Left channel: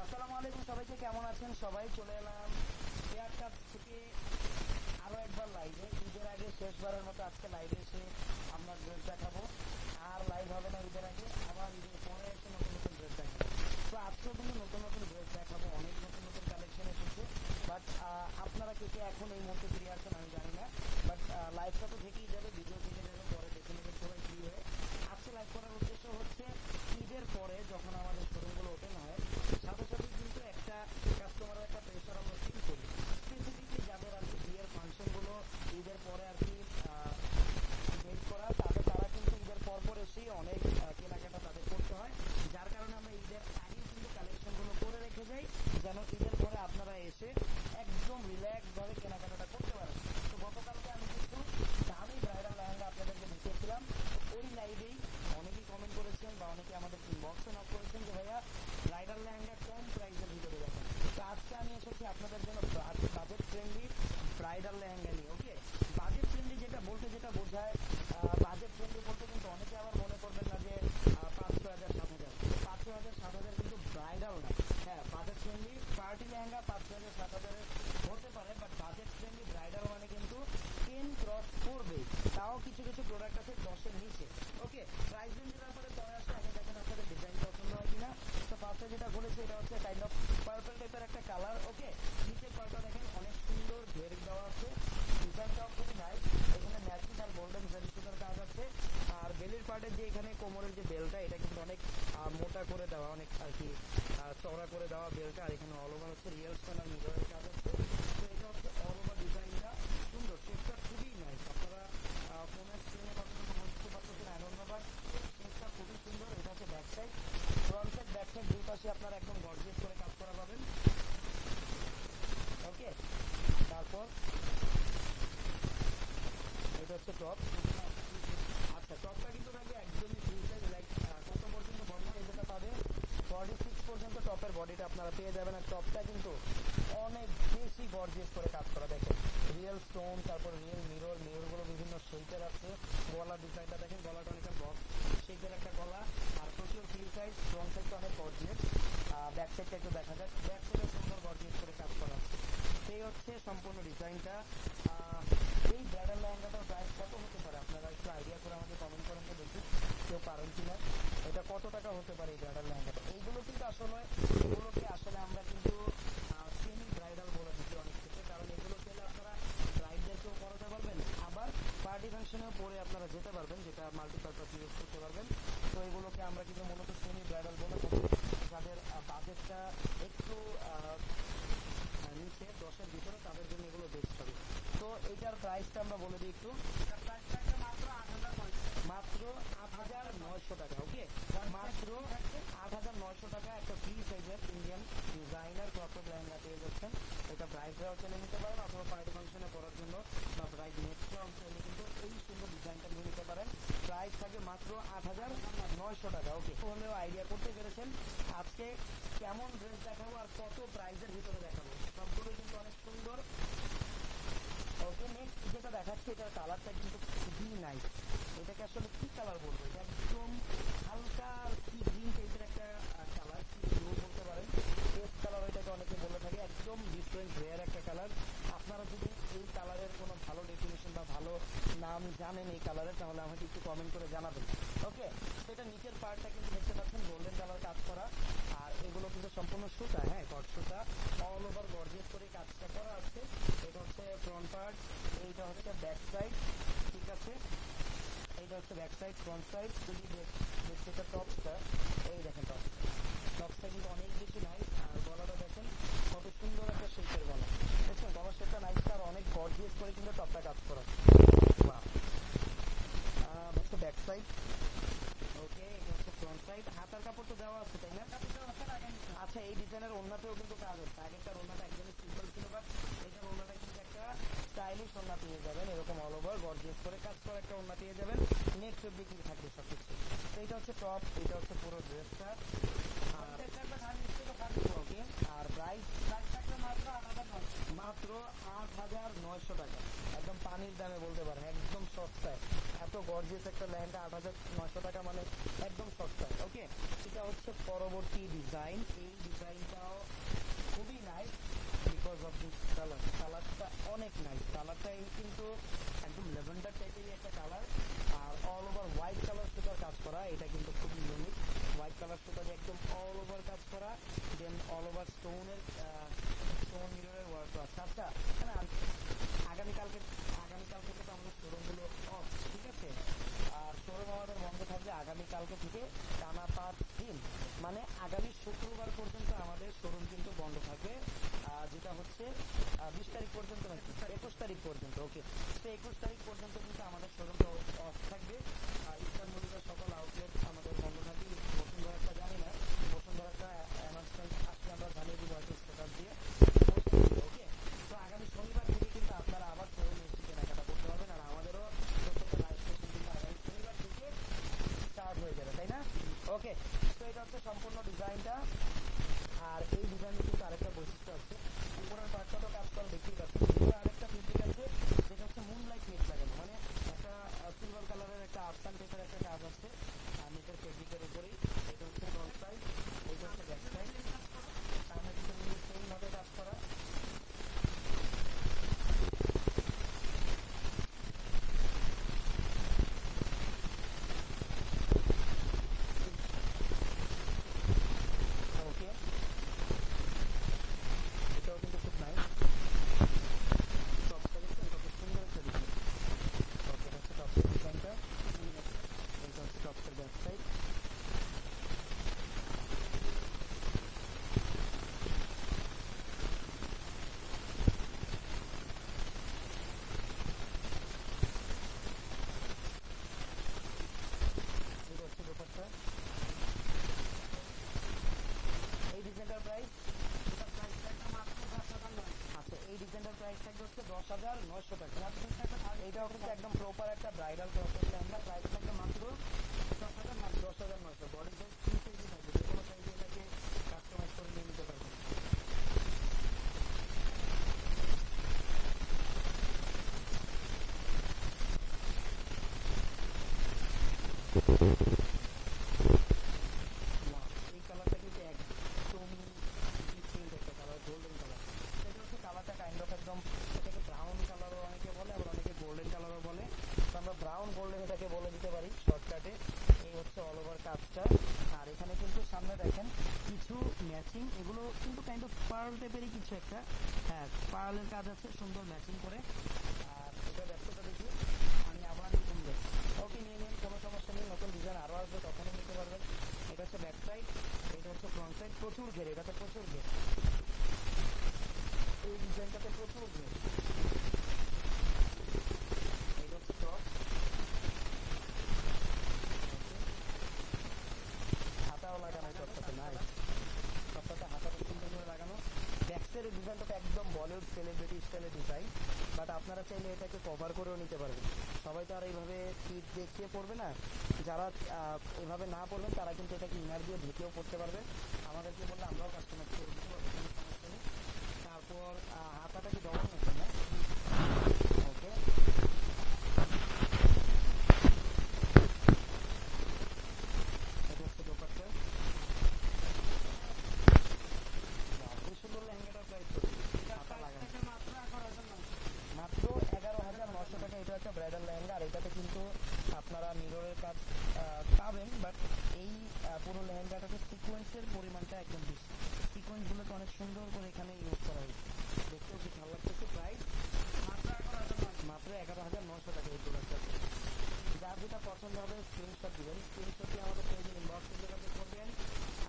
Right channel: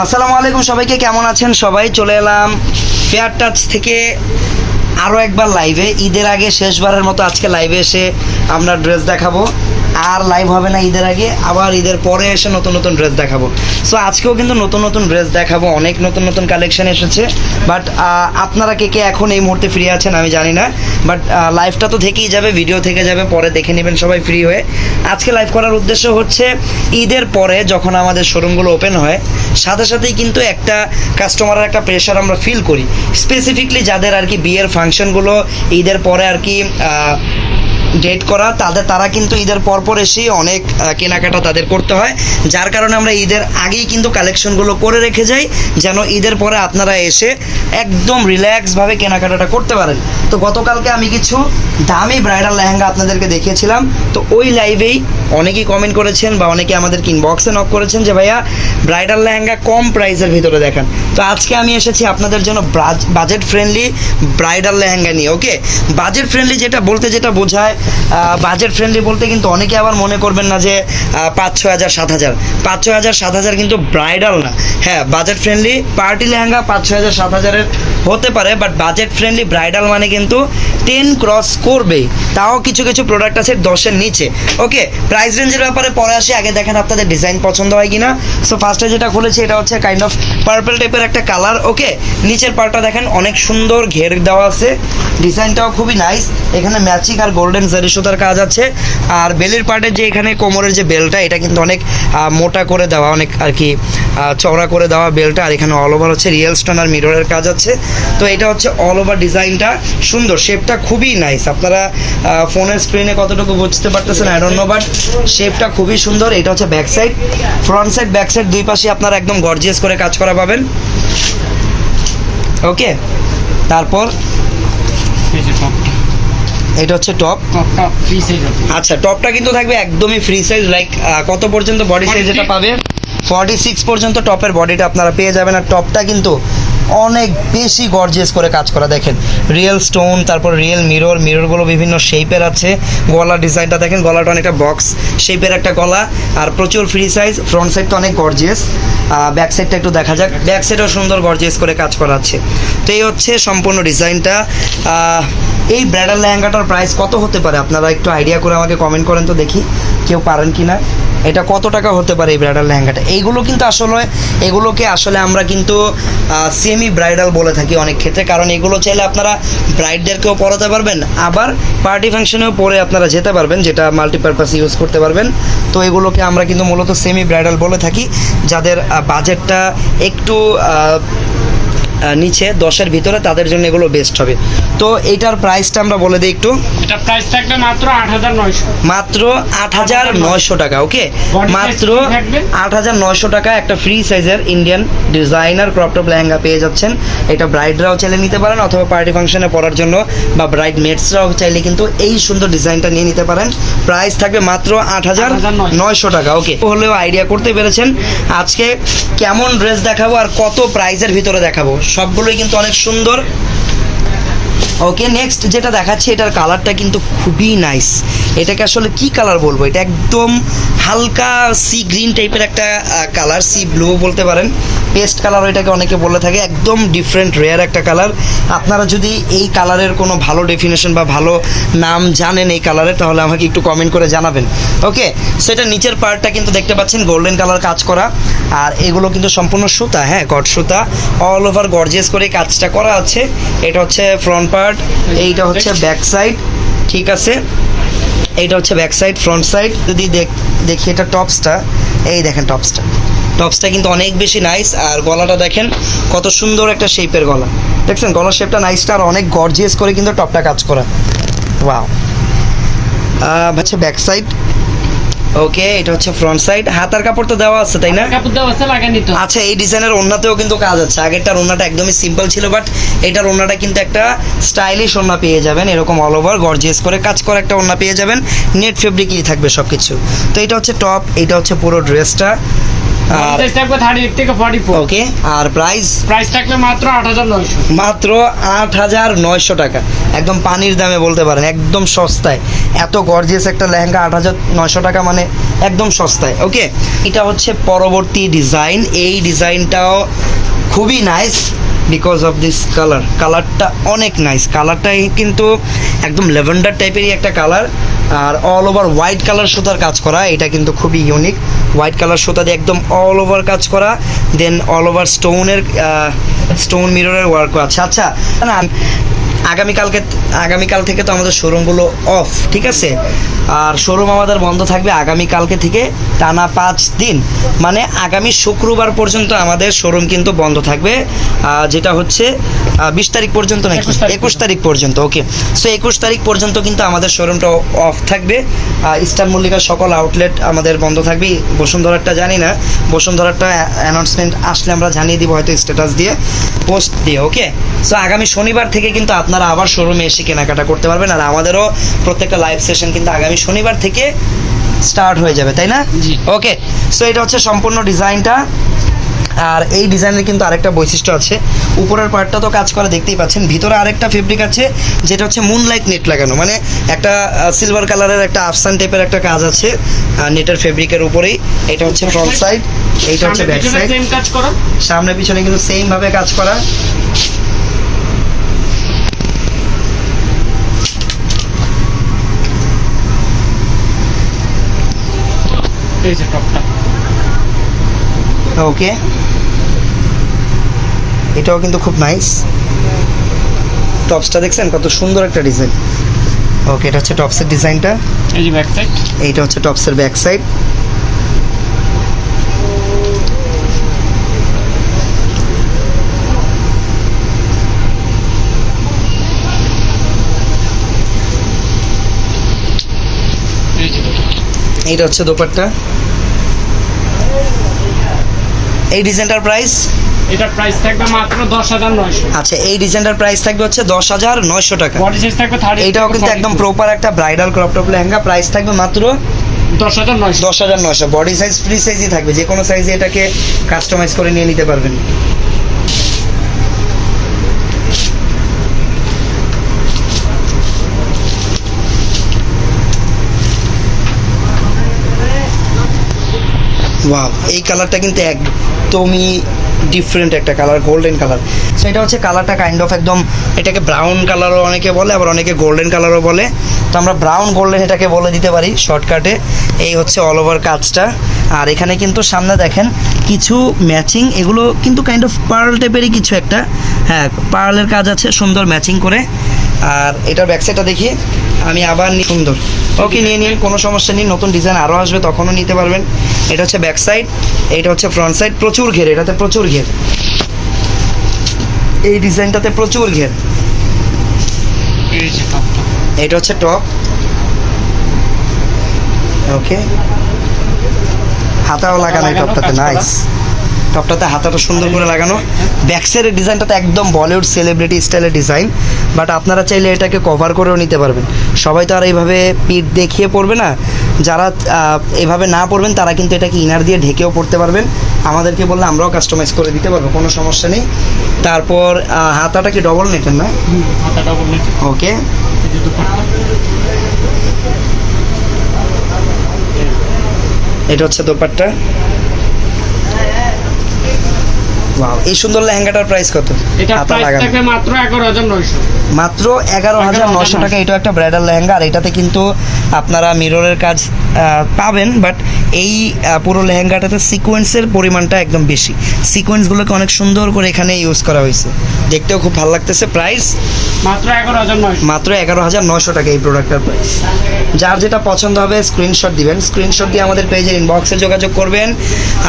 আসসালামু আলাইকুম, সবাইকে কেমন আছেন? সবাই চলে এলাম ফেয়ার টাচ থেকে আরও একবার লাইভে ঈদের আগে শেষবারের মতো আজকে লাইভে এসে আমরা ড্রেস দেখাবো। আর লাইভ হবে না ঈদের আগে, আবার ঈদের পরে এসে নতুন নতুন ড্রেস দেখাবো। সো আজকেও কিন্তু নতুন নতুন ড্রেস দেখাবো, অনেক নতুন নতুন কালেকশন এসেছে বাট আপনারা কে কে এখন এই মুহূর্তে ফ্রি আছেন আমি জানি না বাট লাইভটা তো থেকেই যাবে ভিডিও থেকে যাবে, পরে দেখে নেবেন সবাই ফ্রি হয়ে। আজকে লাইভ করার উদ্দেশ্য হচ্ছে ঈদের পরে যখন আমাদের শোরুমগুলো ওপেন হয়, সাথে সাথেই কিন্তু একটা কাস্টমারের একটা প্রেশার আমরা ফিল করি। স্পেসিফিকলি যাদের আর কি বিয়ের ফাংশনগুলো ঈদের পরে আর কি ডেট করা, তাদের, তারা কিন্তু ঈদের পরপর এসেই অনেক কেনাকাটা তাদের করতে হয়। যার কারণে আমরা ঈদের আগেই কিন্তু কালেকশনগুলো করে রেখে যাই, যেন ঈদের পরে আপনারা এসে একদম রিল্যাক্সভাবে কেনাকাটাটা করতে পারেন। তো গতকালকে আমি কিছু দামি ব্রাইডাল লেহেঙ্গা আপনাদেরকে দেখিয়েছিলাম। তো ওই লাইভেই অনেকেই কমেন্ট করেছেন বা অনেকে আমাদের ইনবক্সে নক করেছেন যে, ভাইয়া ব্রাইডাল লেহেঙ্গা কম প্রাইসের ভিতরে দেখান। তো আজকে আমি এসেছি আপনাদের জন্য বাজেট ফ্রেন্ডলি ব্রাইডাল লেহেঙ্গা নিয়ে ওকে বাজেট ফ্রেন্ডলি যেটা, বলতে যেটা বোঝায় বাজেট ফ্রেন্ডলি বলতে কিন্তু অনেকে আবার মনে করবেন না যে পাঁচ, ছয় হাজার, সাত হাজার। পাঁচ, ছয় হাজার, সাত হাজার কিন্তু ব্রাইডাল না। হ্যাঁ বাজেট ফ্রেন্ডলি পার্টি লেহেঙ্গা পাঁচ, ছয় হাজার, সাত হাজারের হতে পারে বাট বাজেট ফ্রেন্ডলি ব্রাইডাল মানে কিন্তু টেন ক্রস করবেই। তাও কিছু কিছু প্রোডাক্ট আছে দশের নিচে ওকে প্রাইস রেঞ্জের ব্যাপারে পরে আসি। আগে দেখেন আপনাদের ডিজাইন পছন্দ হয় কিনা। সো ফার্স্টে যেটা খুলেছি, এটা হচ্ছে কাইন্ড অফ পার্পল টাইপের একটা কালার ওকে নিচের পার্টটা দেখেন, অনেক সুন্দর ঘের দেওয়া আছে। ডিজাইনটাও খুবই নাইস এখানে ম্যাচিং আর গোল্ডেন জারি সুতার কাজ আছে। আর বেলের পার্টের যে এখানে কোমরের যে বেলটা এটা কিন্তু অনেক মোটা করে দেওয়া, অনেক আর কি চওড়া করে দেওয়া বেলটা আর এখানে অল ওভার হচ্ছে রিয়েল স্টোন আর মিররের কাজ আছে। তো এটা হচ্ছে অল ওভার ডিজাইনটা সুন্দর শেপটা খুবই নাইস আপনারা ফোনের স্ক্রিনে কতটুকু বুঝতে পারতেছেন আই ডোন্ট নো বাট শেপটা খুবই সুন্দর এটা হচ্ছে back side front side back side দুই পাশে আপনারা একদম গর্জিয়াস করে কাজ করা পাবেন। ওকে তারপর? এটা হচ্ছে টপ ফ্রি সাইজ আচ্ছা টপটা কিন্তু থাকবে একদমই ফ্রি সাইজ লাইক কত পর্যন্ত বডি সাইজ এটা পাবে? ফর্টি সিক্স পর্যন্ত টপের বডিটা আপনারা পেয়ে যাবেন। আর টপটা কিন্তু অনেক বেশি গর্জিয়াস করে কাজ করা, দেখেন। রিয়েল স্টোন তারপর রিয়েল মিরর মিররগুলো বিভিন্ন শেপের আছে। গলার ডিজাইনটা দেখেন, গলাটা অনেকটা বক্স শেপের একটা গলা। আর প্রচুর ফ্রি সাইজ ফ্রন্ট সাইডটা অনেক গর্জিয়াস ব্যাক সাইডটা একটু দেখা যাক। ব্যাক সাইডও সুন্দর গর্জিয়াস করে কাজ করা আছে। তো এই হচ্ছে সম্পূর্ণ ডিজাইনটা এই ব্রাইডাল লেহেঙ্গাটার প্রাইস কত হতে পারে? আপনারা একটু আইডিয়া করে আমাকে কমেন্ট করেন তো দেখি। কেউ পারেন কি না এটা কত টাকা হতে পারে এই ব্রাইডাল লেহেঙ্গাটা? এইগুলো কিন্তু আসলে, এগুলোকে আসলে আমরা কিন্তু সেমি ব্রাইডাল বলে থাকি অনেক ক্ষেত্রে। কারণ এগুলো চাইলে আপনারা ব্রাইডদেরকেও পরাতে পারবেন, আবার পার্টি ফাংশনেও পরে আপনারা যেতে পারবেন, যেটা মাল্টিপারপাস ইউজ করতে পারবেন। তো এগুলোকে আমরা কিন্তু মূলত সেমি ব্রাইডাল বলে থাকি, যাদের বাজেটটা একটু নিচে দশের ভিতরে তাদের জন্য এগুলো বেস্ট হবে। তো এইটার প্রাইসটা আমরা বলে দিই একটু। এটা প্রাইস থাকবে মাত্র আট হাজার নয়শো। মাত্র আট হাজার নয়শো টাকা ওকে মাত্র? আট হাজার নয়শো টাকা একটা ফ্রি সাইজের ইন্ডিয়ান ডিজাইনার ক্রপটপ লেহেঙ্গা পেয়ে যাচ্ছেন। এটা ব্রাইডরাও চাইলে নিতে পারেন অথবা পার্টি ফাংশনে পরার জন্য বা ব্রাইড মেটসরাও চাইলে কিন্তু এই সুন্দর ডিজাইনটা নিয়ে নিতে পারেন। প্রাইস থাকবে মাত্র আট হাজার 8,900 নয়শো টাকা ওকে হলেও আইডিয়া করতে পেরেছেন। আজকে কেমন ড্রেস দেখাবো আর কত প্রাইজের ভিতরে দেখাবো? সবগুলোই কিন্তু অনেক সুন্দর। ওকে নেক্সট যেটা দেখাচ্ছি, এটার কালারটা কিন্তু খুবই নাইস এটাকে আসলে কি কালার বলব? এটা একদম হালকা সি গ্রিন টাইপের একটা কালার সি ব্লু বলতে পারেন। পেস্ট কালার ওইটাকে অনেকে বলে থাকে, একদম ডিফারেন্ট রেয়ার একটা কালার। আপনারা যদি এই কালারের কোনো ভালো ডেফিনেশন বা ভালো নাম জানেন এই কালারের, তাহলে আমাকে একটু কমেন্ট করে জানাবেন। ওকে সেটা নিচের পার্টটা কিন্তু দেখতে পাচ্ছেন গোল্ডেন কালার কাজ করা। আর এগুলো কিন্তু সম্পূর্ণ সুতা হ্যাঁ গড সুতা। অল ওভার গর্জেস করে কাজটা করা আছে। এটা হচ্ছে ফ্রন্ট পার্ট এইটা হচ্ছে ব্যাক সাইড ঠিক আছে? এইটা হচ্ছে ব্যাক সাইড ফ্রন্ট সাইড যদি দেখি এটা টপসটা এই দেখেন টপসটা টপসটা কিন্তু অনেক বেশি নাইস আর গলাটা দেখেন কত সুন্দর একটা শেপের গলা। দেখছেন গলার শেপটা নাইসটা আর অনেক গর্জিয়াস করে কিন্তু টপটা কাজ করা। ওয়াও আচ্ছা ব্যাক সাইড ওকে এটা হচ্ছে ফ্রন্ট সাইড হাতার কাপড় তো দেওয়া আছে তাই না? কাপড় দেওয়া আছে লাগানি তো। আচ্ছা এই ডিজাইনের ওন্নাতেও কিন্তু কাজ আছে। আগেরটার ওন্নাটা একদমই সিম্পল ছিল বাট এটার ওন্নাটা কিন্তু একটা স্টাইলিশ ওন্না পেয়ে যাবেন। এরকম অল ওভার গর্জিয়াস করে কাজ করা একটা ওন্না পেয়ে যাবেন। নেট ফেব্রিকই থাকবে সব কিছু তো এটা হচ্ছে টপ এটা হচ্ছে পুরো ড্রেসটা ওকে আর প্রাইস প্রাইস থাকবে মাত্র আট হাজার নয়শো মাত্র আট হাজার নয়শো টাকা। একদম পানির দামে বলতে পারেন একদম সস্তায়। এত গর্জিয়াস একটা লেহেঙ্গা আট হাজার নয়শো টাকা মানে একদম সস্তায়। ওকে এটা হচ্ছে পরবর্তী ডিজাইন এই ডিজাইনটাও খুবই nice because of this colour কালারটা অনেক নাইস কালারটাই কিন্তু একদম লেভেন্ডার টাইপেরই একটা কালার আর অল ওভার হোয়াইট কালার সুতার কাজ করা, এটা কিন্তু খুবই ইউনিক হোয়াইট কালার সুতা দিয়ে একদম অল ওভার কাজ করা দেন অল ওভার স্টোনের স্টোন মিররের ওয়ার্ক আছে। আচ্ছা না আগামীকালকে আগামীকাল থেকে তো আমাদের শোরুমগুলো অফ ঠিক আছে? আর শোরুম আমাদের বন্ধ থাকবে আগামীকালকে থেকে টানা পাঁচ দিন। মানে আগামী শুক্রবার পর্যন্ত আমাদের শোরুম কিন্তু বন্ধ থাকবে। যেটা হচ্ছে বিশ তারিখ পর্যন্ত নাকি? একুশ তারিখ পর্যন্ত ওকে। সো একুশ তারিখ পর্যন্ত কিন্তু আমাদের শোরুমটা অফ থাকবে। ইস্টার্ন মল্লিকার সকল আউটলেট আমাদের বন্ধ থাকবে। বসুন্ধরাটা জানি না। বসুন্ধরাটা অ্যানাউন্সমেন্ট আসলে আমরা জানিয়ে দিব হয়তো স্ট্যাটাস দিয়ে পোস্ট দিয়ে ওকে? সো আগামী শনিবার থেকে কিন্তু আপনারা আবার শোরুমে এসে কেনাকাটা করতে পারবেন আর আমাদেরও প্রত্যেকটা লাইভ সেশন কিন্তু আগামী শনিবার থেকে স্টার্ট হয়ে যাবে তাই না। ওকে সো এটা হচ্ছে সম্পূর্ণ ডিজাইনটা। আর এই ডিজাইনের কিন্তু আরেকটা বৈশিষ্ট্য আছে। উপরের পার্টটা তো কাজ করা দেখতেই পাচ্ছেন ভিতরে আরেকটা ফেব্রিক আছে যেটা হচ্ছে মুনলাইট নেট লাগানো। মানে একটা সিলভার কালারের একটা আফসান টাইপের একটা কাজ আছে নেটের ফেব্রিকের উপরেই। এটা হচ্ছে ফ্রন্ট সাইড এইটা হচ্ছে ব্যাক সাইড সেম সামনে পিছনে কিন্তু সেম ভাবে কাজ করা। এই যে টপটা ওকে এটাও কিন্তু খুব নাইস টপসটা দেখছেন? কত সুন্দর একটা ডিজাইন ওকে এটা হচ্ছে টপসের ডিজাইনটা এই যে ব্যাক সাইড এইটা হচ্ছে টপসের ব্যাক সাইড এইটা হচ্ছে দোপাট্টা। এই ডিজাইনটার প্রাইস এটার প্রাইস থাকবে মাত্র দশ হাজার নয়শো। আচ্ছা এই ডিজাইনটার প্রাইস থাকবে হচ্ছে দশ হাজার নয়শো টাকা। বডি সাইজ থাকবে থার্টি এইটাও কিন্তু একদম প্রপার একটা bridal crop top lehenga. Price থাকবে মাত্র দশ হাজার নয়শো। দশ হাজার নয়শো। বডি সাইজ ফ্রি সাইজই থাকবে। যে কোনো সাইজে এটাকে কাস্টমাইজ করে নিয়ে নিতে পারবেন। ওয়াও এই কালারটা কিন্তু একদমই ডিফারেন্ট একটা কালার গোল্ডেন কালার সো এটা হচ্ছে কালারটা কাইন্ড অফ একদম, এটাকে ব্রাউন কালারও অনেকে বলে, আবার অনেকে গোল্ডেন কালারও বলে। তো আমরা ব্রাউন গোল্ডেন এটাকে বলে দিতে পারি শর্টকাটে এই হচ্ছে অল ওভার কাজটা। আর এখানে কিন্তু সামনে দেখেন, কিছু ম্যাচিং এগুলো কিন্তু কাইন্ড অফ পার্ল টাইপেরই কিছু একটা। হ্যাঁ পার্লের কাজ আছে, সুন্দর ম্যাচিং করে। আর এটার ব্যাকসাইডটা দেখি, আমি আবার সুন্দর। ওকে নিয়ে নিন কোনো সমস্যা নেই নতুন ডিজাইন আরও আসবে তখনও নিতে পারবেন। এটা হচ্ছে ব্যাক সাইড এটা হচ্ছে ফ্রন্ট সাইড প্রচুর ঘের এটাতে প্রচুর ঘের। এই ডিজাইনটাতে প্রচুর ঘের। এটা হচ্ছে টপ ওকে হাতাও লাগানো এই টপটাতে নাইস টপটাতে হাতাটা সুন্দর করে লাগানো। ব্যাক সাইডের ডিজাইনটাতে একদম বলিউড সেলিব্রিটি স্টাইলের ডিজাইন বাট আপনারা চাইলে এটাকে কভার করেও নিতে পারবেন। সবাই তো আর এইভাবে পিঠ দেখিয়ে পড়বে না। যারা এভাবে না পড়বেন তারা কিন্তু এটাকে ইনার দিয়ে ঢেকেও পড়তে পারবেন। আমাদেরকে বললে আমরাও কাস্টমাইজ করে দিতে পারব কোনো সমস্যা নেই। তারপর হাতাটা কি ডবল নেটের না? ওকে এটা হচ্ছে দোপাট্টা। এই সুন্দর লেহেঙ্গাটার প্রাইস কত? এটা প্রাইস থাকে থাকবে মাত্র এগারো হাজার নয়শো। মাত্র এগারো হাজার নশো টাকা। এটা একটা ব্রাইডাল লেহেঙ্গা আর এটাতে কিন্তু আপনারা মিররের কাজ পাবেন বাট এই পুরো লেহেঙ্গাটাতে সিকোয়েন্সের পরিমাণটা একদম বেশি। সিকোয়েন্সগুলোকে অনেক সুন্দর করে এখানে ইউজ করা হয়েছে। দেখতেও খুব ভালো লাগতেছে। প্রাইস মাত্র এগারো হাজার নয়শো। মাত্র এগারো হাজার নশো টাকা এই প্রোডাক্টের প্রাইস যার যেটা পছন্দ হবে স্ক্রিনশট দিবেন। স্ক্রিনশট দিয়ে আমাদের পেজের ইনবক্সে যোগাযোগ করবেন।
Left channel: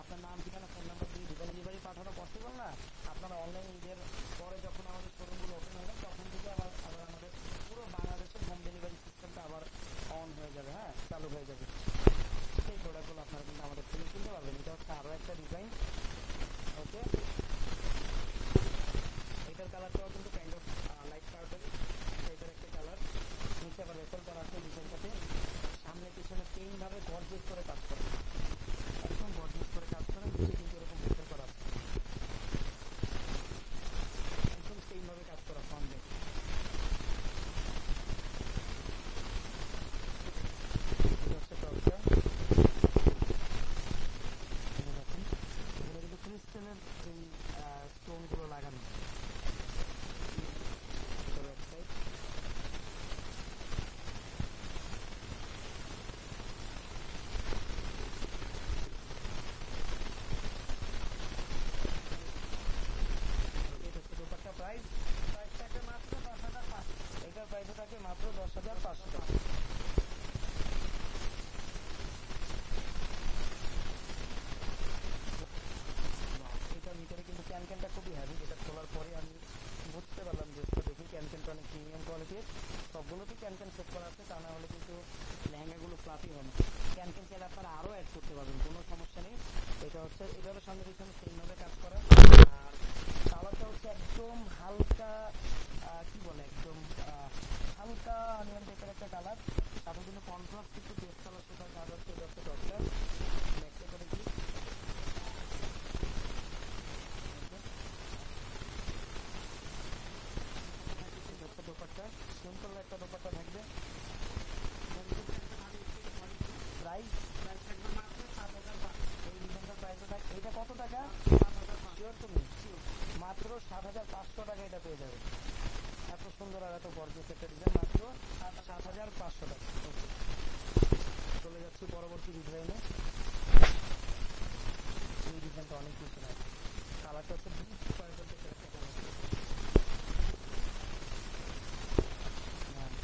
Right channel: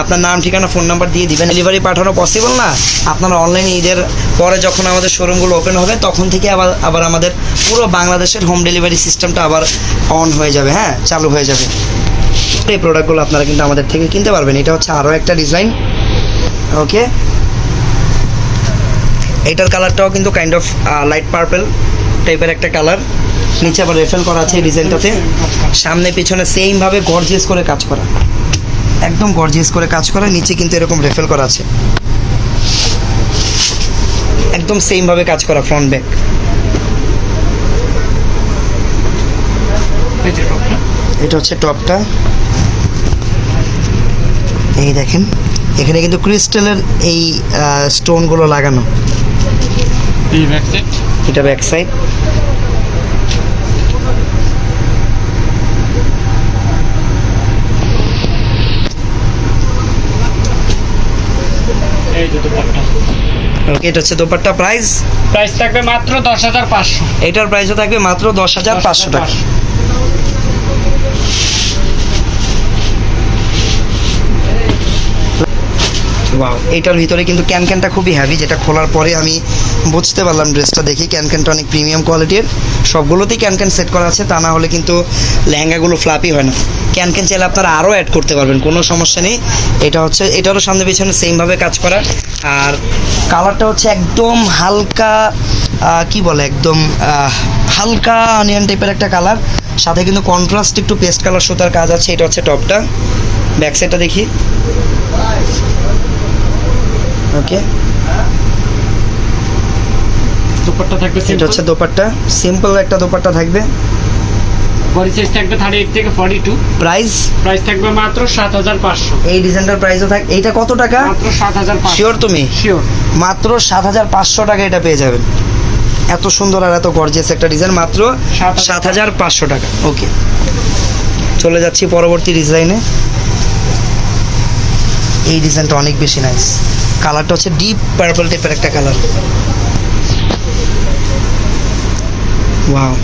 আপনার নাম ঠিকানা ফোন নাম্বার দিয়ে দিবেন। ডেলিভারি পাঠানো পসিবল না? আপনারা অনলাইনে ঈদের পরে যখন আমাদের শোরুমগুলো ওপেন হবে তখন থেকে আবার আবার আমাদের পুরো বাংলাদেশের হোম ডেলিভারি সিস্টেমটা আবার অন হয়ে যাবে হ্যাঁ চালু হয়ে যাবে। এই প্রোডাক্টগুলো আপনারা কিন্তু আমাদের থেকে কিনতে পারবেন। এটা হচ্ছে আরও একটা ডিজাইন ওকে এটার কালারটাও কিন্তু কাইন্ড অফ লাইট পার্পল টাইপের একটা কালার নিচে আবার রেফেল করা আছে এই ডিজাইনটাতে সামনে, পিছনে সেম ভাবে গর্জিয়াস করে কাজ করা। একদম গর্জিয়াস করে কাজ করা। নিচে কিন্তু এরকম রেফেল করা আছে। একদম সেম ভাবে কাজ করা ফ্রন্ট ব্যাক এই যে টপটা এটা হচ্ছে টপটা। এই দেখেন এখানে কিন্তু ক্রিস্টালের এই স্টোনগুলো লাগানো। এটা ব্যাক সাইড ওকে এটা হচ্ছে দোপাট্টা প্রাইস প্রাইস থাকবে মাত্র দশ হাজার পাঁচশো। এটার প্রাইসও থাকবে মাত্র দশ হাজার পাঁচশো টাকা। ওয়াও এটার ভিতরে কিন্তু ক্যান ক্যানটা খুবই হ্যাভি যেটা খোলার পরে আমি বুঝতে পারলাম ড্রেসটা দেখি। ক্যান ক্যানটা অনেক প্রিমিয়াম কোয়ালিটির সবগুলোতেই ক্যান ক্যান সেট করা আছে, তা না হলে কিন্তু লেহেঙ্গাগুলো ফ্লাপি হয় না। ক্যান ক্যান চাইলে আপনারা আরও অ্যাড করতে পারবেন, কোনো সমস্যা নেই। এটা হচ্ছে, এটারও সামনে পিছনে সেমভাবে কাজ করা। আর কালারটা হচ্ছে একদম হালকা কি বলে, একদম হালকা অনিয়ন টাইপের একটা কালার সাথে কিন্তু কন্ট্রাস্ট একটু পেস্ট কালার সুতার কাজ আছে, এটা হচ্ছে টপটা ব্যাক সাইডটা দেখি। ওকে দুপাট্টা থাকবে এটা হচ্ছে দোপাট্টা। সিম্পল একটা দোপাট্টা থাকবে। বডি সাইজ থেকে প্রাইস প্রাইস থাকবে মাত্র সাত হাজার পাঁচশো। এই ডিজাইনটার প্রাইসও থাক এইটা কত টাকা? মাত্র শিওর তুমি? শিওর মাত্র সাত হাজার পাঁচশো টাকা এটা পেয়ে যাবেন। এত সুন্দর আর এত গর্জিয়াস একটা ডিজাইন মাত্র সাত হাজার সাত হাজার পাঁচশো টাকা। ওকে চলে যাচ্ছি পরবর্তী ডিজাইনে এই ডিজাইনটা অনেক বেশি নাইস কালারটা হচ্ছে ডিপ পার্পল টাইপের একটা কালার ওয়াও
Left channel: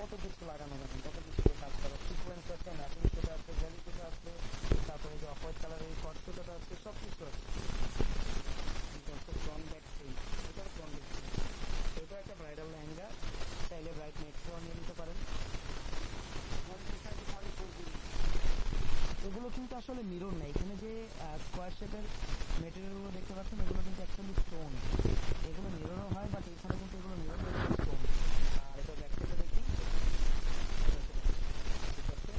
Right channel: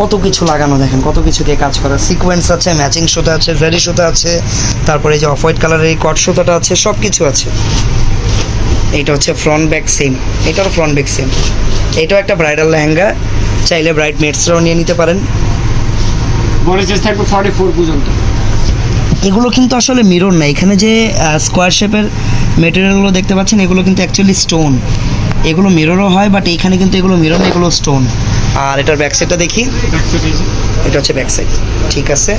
কত কিছু লাগানো দেখেন, কত কিছু দিয়ে কাজ করা। সিকোয়েন্স আছে ম্যাচিং সুতা আছে ভেরি সুতা আছে, তারপরে যে অফ হোয়াইট কালারের এই কট সুতাটা আছে সব কিছু আছে। এইটা হচ্ছে ফ্রন্ট ব্যাক সেম এটারও ফ্রন্ট ব্যাক সেম এটাও একটা ব্রাইডাল লেহেঙ্গা, চাইলে ব্রাইড মেটসরাও নিয়ে নিতে পারেন। সাইজ থাকবে ফর্টি ফোর পর্যন্ত। এগুলো কিন্তু আসলে মিরর না। এখানে যে স্কোয়ার শেপের মেটেরিয়ালগুলো দেখতে পাচ্ছেন, এগুলো কিন্তু অ্যাকচুয়ালি স্টোন এগুলো মিররও হয় বাট এখানে কিন্তু এগুলো মিরর না, এগুলো স্টোন আর এটার ব্যাক সাইডটা দেখি। এটা হচ্ছে ব্যাক সাইড ঠিক আছে।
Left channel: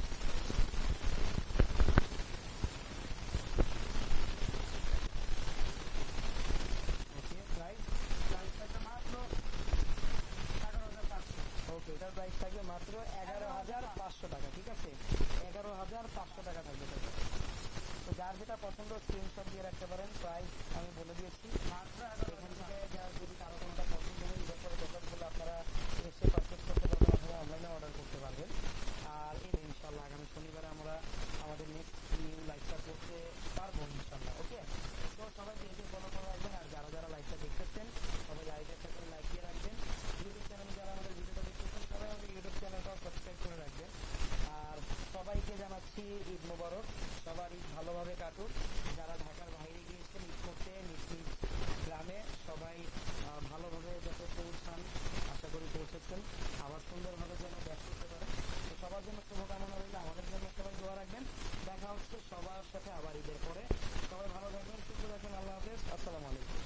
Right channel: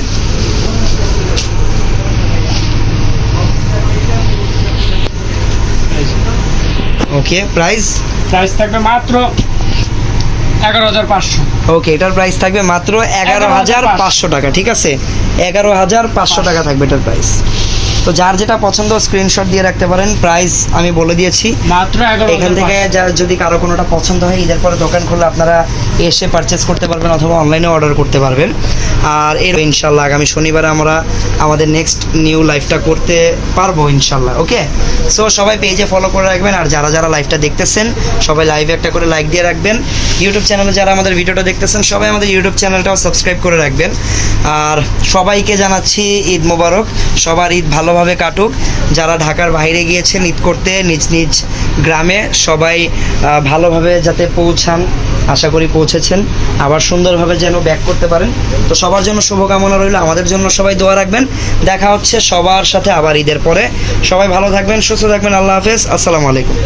ওকে প্রাইস প্রাইস থাকবে মাত্র এগারো হাজার পাঁচশো। ওকে, এটার প্রাইস থাকবে মাত্র এগারো হাজার পাঁচশো টাকা, ঠিক আছে? এগারো হাজার পাঁচশো টাকা থাকবে এটার প্রাইস তো যার যেটা পছন্দ স্ক্রিনশট দিয়ে রাখতে পারেন। প্রাইস আমি বলে দিয়েছি। মাত্র এখান থেকে যা যদি কারও কোনোটা পছন্দ হয় ঈদের পরে দোকান খুললে আপনারা এসে পারচেস করতে পারবেন অথবা অনলাইনে অর্ডার করতে পারবেন। আর এর ইনশাল্লাহ আগামী শনিবারে আমরা আমাদের নেক্সট নিউ লাইফটা করতে পারব ইনশাল্লাহ ওকে সো সবাই পেজে ফলো করে রাখবেন। আর যারা যারা লাইভটা দেখতেছেন সবাই লাইভে একটা করে লাইক দিয়ে রাখবেন। ইউটিউব চ্যানেলে যারা আমাদের ভিডিওটা দেখতেছেন সবাই আমাদের ইউটিউব চ্যানেলটাও সাবস্ক্রাইব করে রাখবেন। আর সবাইকে জানাচ্ছি ঈদ মোবারক। সবার ঈদ ভালোভাবে কাটুক। যারা ঢাকার বাইরে গিয়েছেন, ঈদ করতে নিজ নিজ গ্রামে সবাই ভালোভাবে যাতে পৌঁছান, আশা করি পৌঁছেছেন। আবার সুন্দরভাবে যেন ব্যাক করতে পারেন। তো সবার জন্য শুভকামনা রইল। আমাদের জন্য সবাই দোয়া রাখবেন। দেখা হচ্ছে সবার সাথে আবার ঈদের পরে। সবাই ভালো থাকবেন, সুস্থ থাকবেন। আল্লাহ হাফেজ। আসসালামু আলাইকুম।